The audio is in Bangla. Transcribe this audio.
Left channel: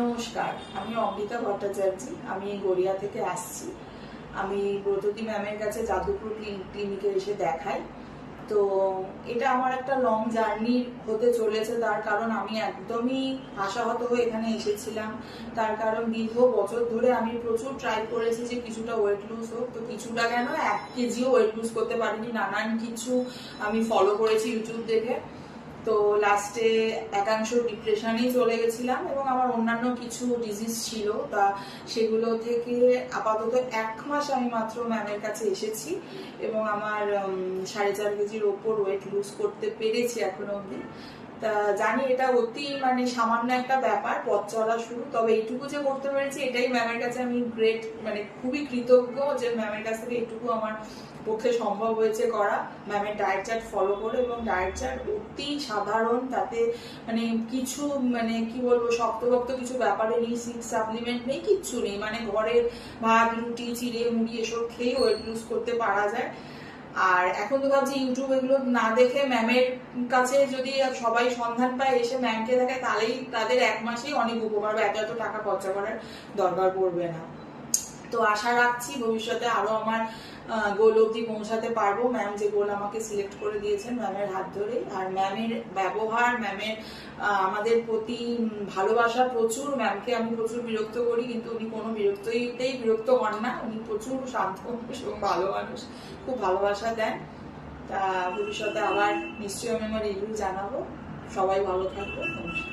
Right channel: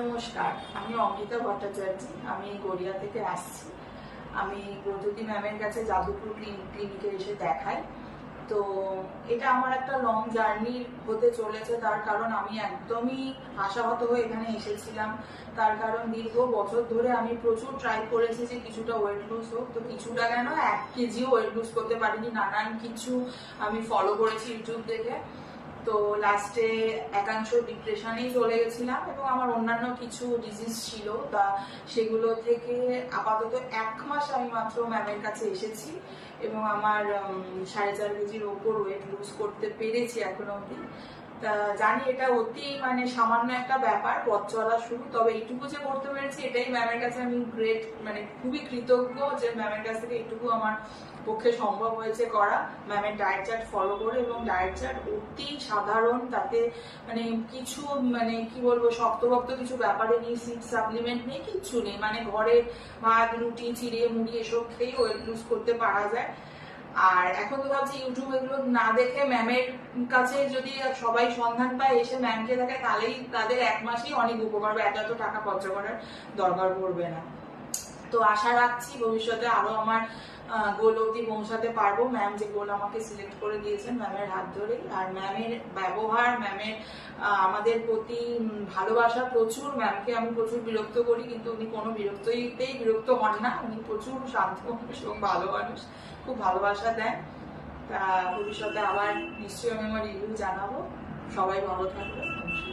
নমস্কার, আমি অমৃতা ভট্টাচার্য। আমি গড়িয়া থেকে আসছি। আমি ব্রততী ম্যামের কাছে যাদবপুর ক্লিনিকে এসে দেখাই। তো এটা আমার একটা লং জার্নি হতে চলেছে, তার কারণ আমি একদমই আশাহত হয়ে এখানে এসেছিলাম। তার কারণ দীর্ঘ বছর ধরে আমি প্রচুর ট্রাই করেছি যে কিছুটা ওয়েট লুজ হোক, তো কিছুটা কেন 1 কেজিও ওয়েট লুজ করতে পারিনি। নানান কিছু আমি ফলো করেছি ইউটিউব দেখে। তো লাস্টে একাংশ ডিপ্রেশনেই চলে গেছিলাম এবং আমার অন্যান্য কিছু ডিজিজ ছিল, তা সেগুলো থেকে আপাতত 1 মাস আমি মাত্র ম্যামের কাছে এসেছি এবং আমার 4.5 কেজির ওপর ওয়েট লুজ করতে পেরেছি এখনো অব্দি। তা জানি এটা অতি সামান্য একটা ব্যাপার, পথ চলা শুরু। তবে এইটুকু যে করতে পেরেছি এটাই ম্যামের কাছে আমি গ্রেট, খুবই কৃতজ্ঞ যে ম্যামের কাছ থেকে এইটুকু আমার পক্ষে সম্ভব হয়েছে করা, ম্যামের ডায়েট চার্ট ফলো করে। এবং ডায়েট চার্ট অতি সাধারণ, তাতে কিছু কি বলবো শক্তভক্ত কিছু ব্যাপারে নেই, সিড সাপ্লিমেন্ট নেই, কিচ্ছু নেই। ঘরে ভাত রুটি চিড়ে মুড়ি এসব খেয়ে ওয়েট লুজ করতে পারা যায়। আর এখন তো ভাবছি ইউটিউব এগুলো না দেখে ম্যামের কাছে যদি সবাই সন্ধান পায়, এসে ম্যামকে দেখায়, তাহলেই তাদের 1 মাসেই অনেক উপকার হবে, এত টাকা খরচা করার দরকার পড়বে না। তো আশা রাখছি ভবিষ্যতে আরো আমার গোল অবধি পৌঁছাতে পারবো, ম্যাম যে গোল আমাকে সিলেক্ট করে দিয়েছেন ম্যামের হাত ধরে। আর ম্যামের ব্যবহার, ম্যামের আমাদের প্রতি ভালোবাসা প্রচুর। ম্যামকে আমি প্রচুর বিরক্ত করি, কিন্তু উনি কোনো বিরক্ততেই বিরক্ত হন না। উনি প্রচুর শান্ত মানুষ এবং ভালো মানুষ, খুব ভালোবাসা দেয়। তা ভবিষ্যতে আবার নিশ্চয়ই আমি আমার রিভিউ জানাবো। সবাই ভালো থাকবে। নমস্কার।